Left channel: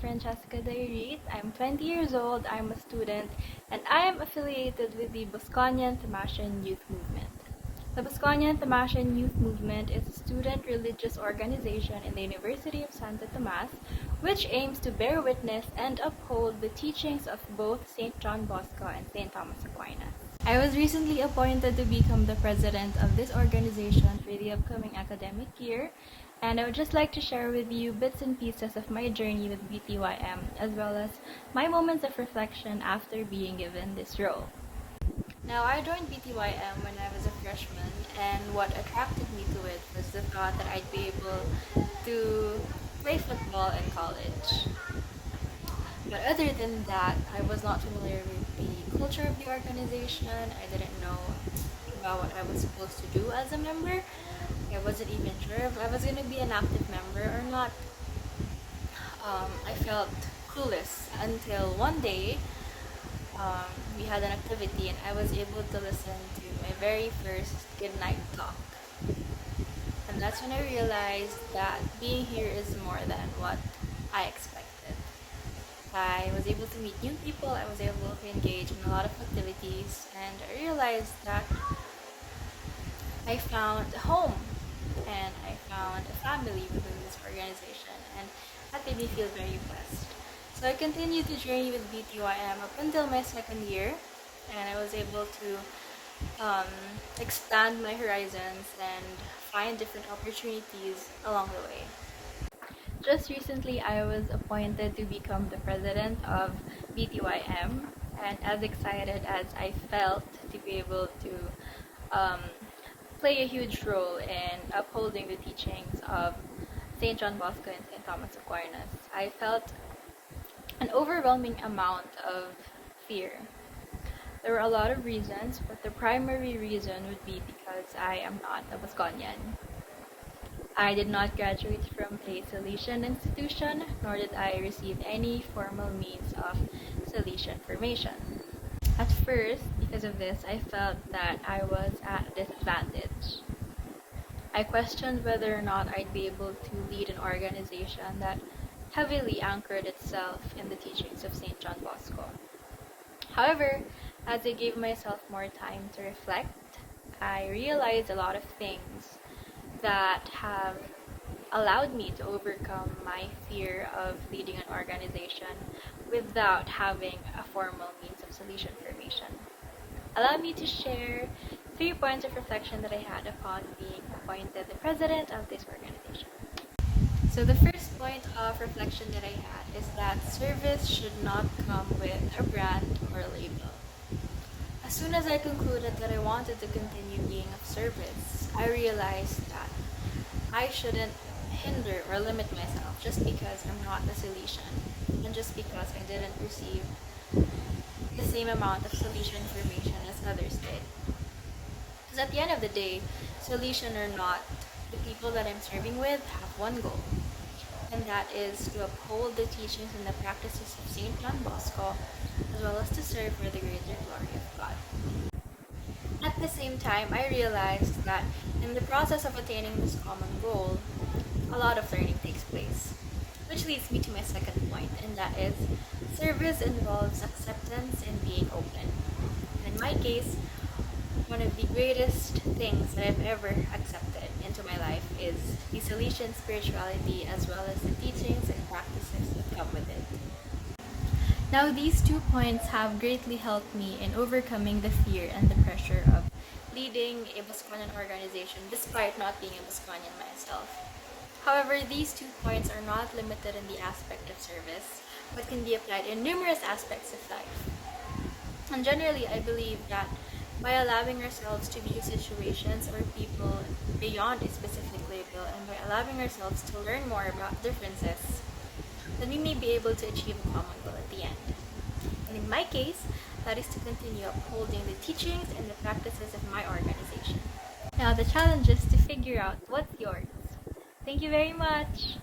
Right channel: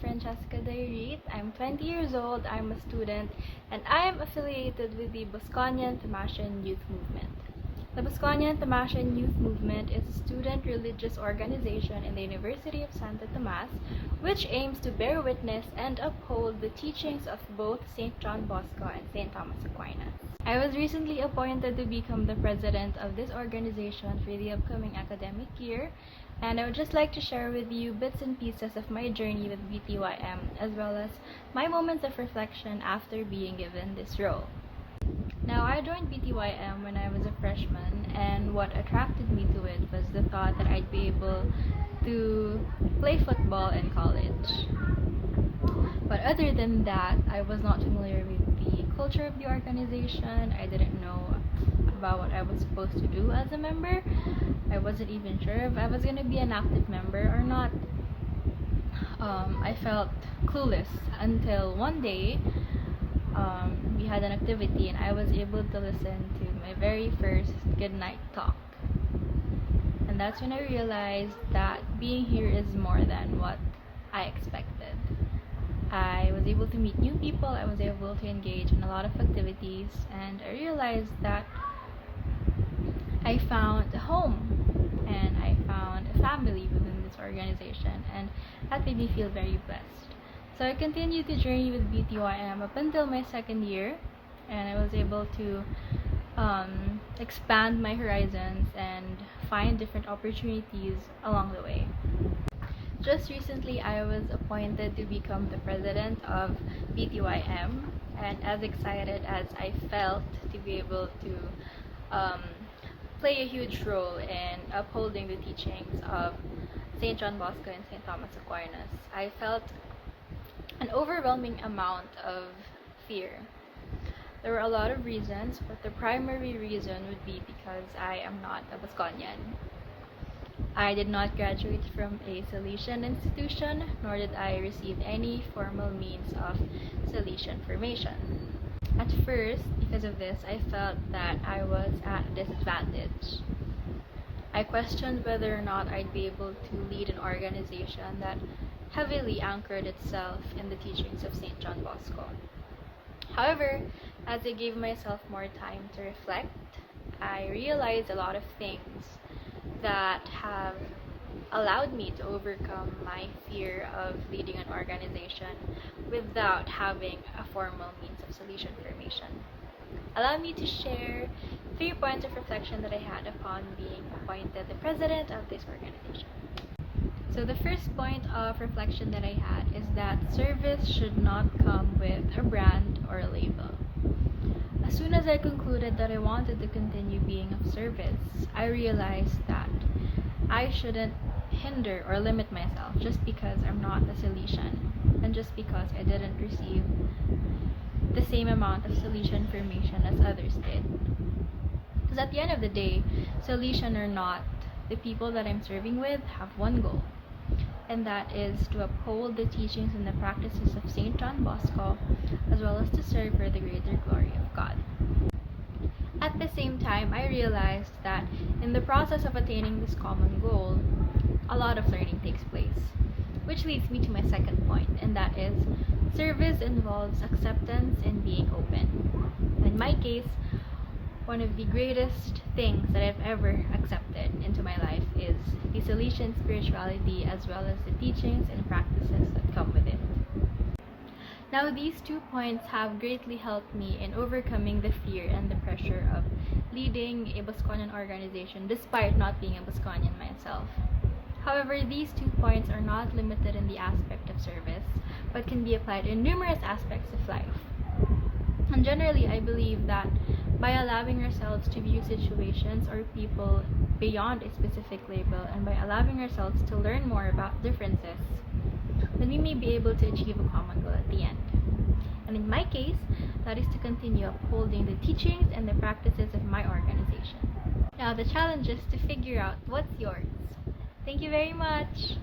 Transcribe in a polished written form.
Francesca Dayrit. I'm 20 years old, I'm a student, and I am affiliated with the Bosconian Tamasian Youth Movement. The Bosconian Tamasian Youth Movement is a student religious organization in the University of Santo Tomas, which aims to bear witness and uphold the teachings of both St. John Bosco and St. Thomas Aquinas. I was recently appointed to become the president of this organization for the upcoming academic year, and I would just like to share with you bits and pieces of my journey with BTYM, as well as my moments of reflection after being given this role. Now, I joined BTYM when I was a freshman, and what attracted me to it was the thought that I'd be able to play football in college. But other than that, I was not familiar with the culture of the organization. I didn't know about what I was supposed to do as a member. I wasn't even sure if I was going to be an active member or not. I felt clueless until one day we had an activity and I was able to listen to my very first Goodnight talk. And that's when I realized that being here is more than what I expected. I was able to meet new people, I was able to engage in a lot of activities, and I realized that I found a home and I found a family within this organization, and that made me feel very blessed. So I continued to journey with BTYM up until my second year, and I was able to expand my horizons and find different opportunities along the way. Just recently, I was appointed to become the president of BTYM, and as excited as I felt to be able to play a huge role in upholding the teachings of St. John Bosco and St. Thomas Aquinas, I felt an overwhelming amount of fear. There were a lot of reasons, but the primary reason would be because I am not a Bosconian. I did not graduate from a Salesian institution, nor did I receive any formal means of Salesian formation. At first, because of this, I felt that I was at a disadvantage. I questioned whether or not I'd be able to lead an organization that heavily anchored itself in the teachings of St. John Bosco. However, as I gave myself more time to reflect, I realized a lot of things that have allowed me to overcome my fear of leading an organization without having a formal means of Salesian formation. Allow me to share 3 points of reflection that I had upon being appointed the president of this organization. So the first point of reflection that I had is that service should not come with a brand or a label. As soon as I concluded that I wanted to continue being of service, I realized that I shouldn't hinder or limit myself just because I'm not a Salesian and just because I didn't receive the same amount of Salesian formation as others did. Because at the end of the day, Salesian or not, the people that I'm serving with have one goal, and that is to uphold the teachings and the practices of St. John Bosco, as well as to serve for the greater glory of God. At the same time, I realized that in the process of attaining this common goal, a lot of learning takes place. Which leads me to my second point, and that is service involves acceptance and being open. And in my case, one of the greatest things that I've ever accepted into my life is the Salesian spirituality, as well as the teachings and practices that come with it. Now, these 2 points have greatly helped me in overcoming the fear and the pressure of leading a Bosconian organization despite not being a Bosconian myself. However, these 2 points are not limited in the aspect of service, but can be applied in numerous aspects of life. And generally, I believe that by allowing ourselves to view situations or people beyond a specific label, and by allowing ourselves to learn more about differences, then we may be able to achieve a common goal at the end. And in my case, that is to continue upholding the teachings and the practices of my organization. Now, the challenge is to figure out what's yours. Thank you very much!